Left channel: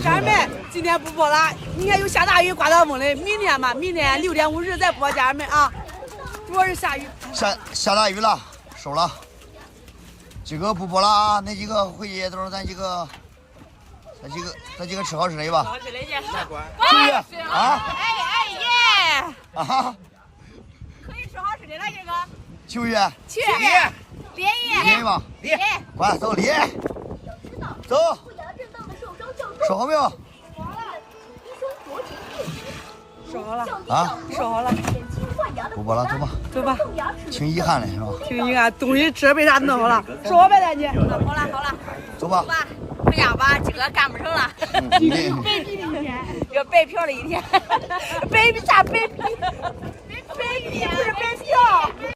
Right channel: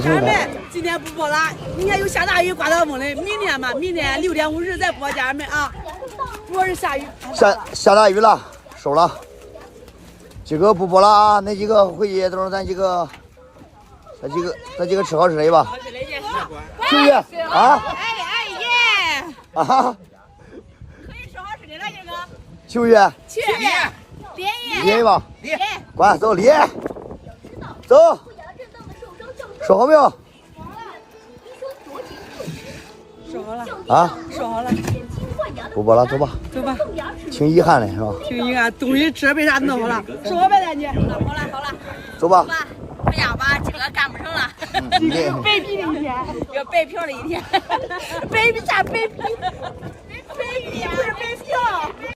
家人们，今天不播了，明天又下大雨，刮到风的。明天嘛，明天6点50再播，家人们啊。主要是下雨。下大雨了，收了。今个不播了啊，那几个回去都是咱几个吃好吃的吧。好吃的去。去啊！哎耶！啊！可以吃好吃的了，这个。秋月。去。连吧。连。快走连。走。说好没有？说好了。啊？说好了。不播了，走吧。走吧。挺遗憾的是吧？挺遗憾，东西吃被啥弄好了。说好呗，咱姐。好了。走吧。回家吧，这个干不成了。白皮的一天，要白嫖了一天。白皮啥白皮？白皮不是白嫖。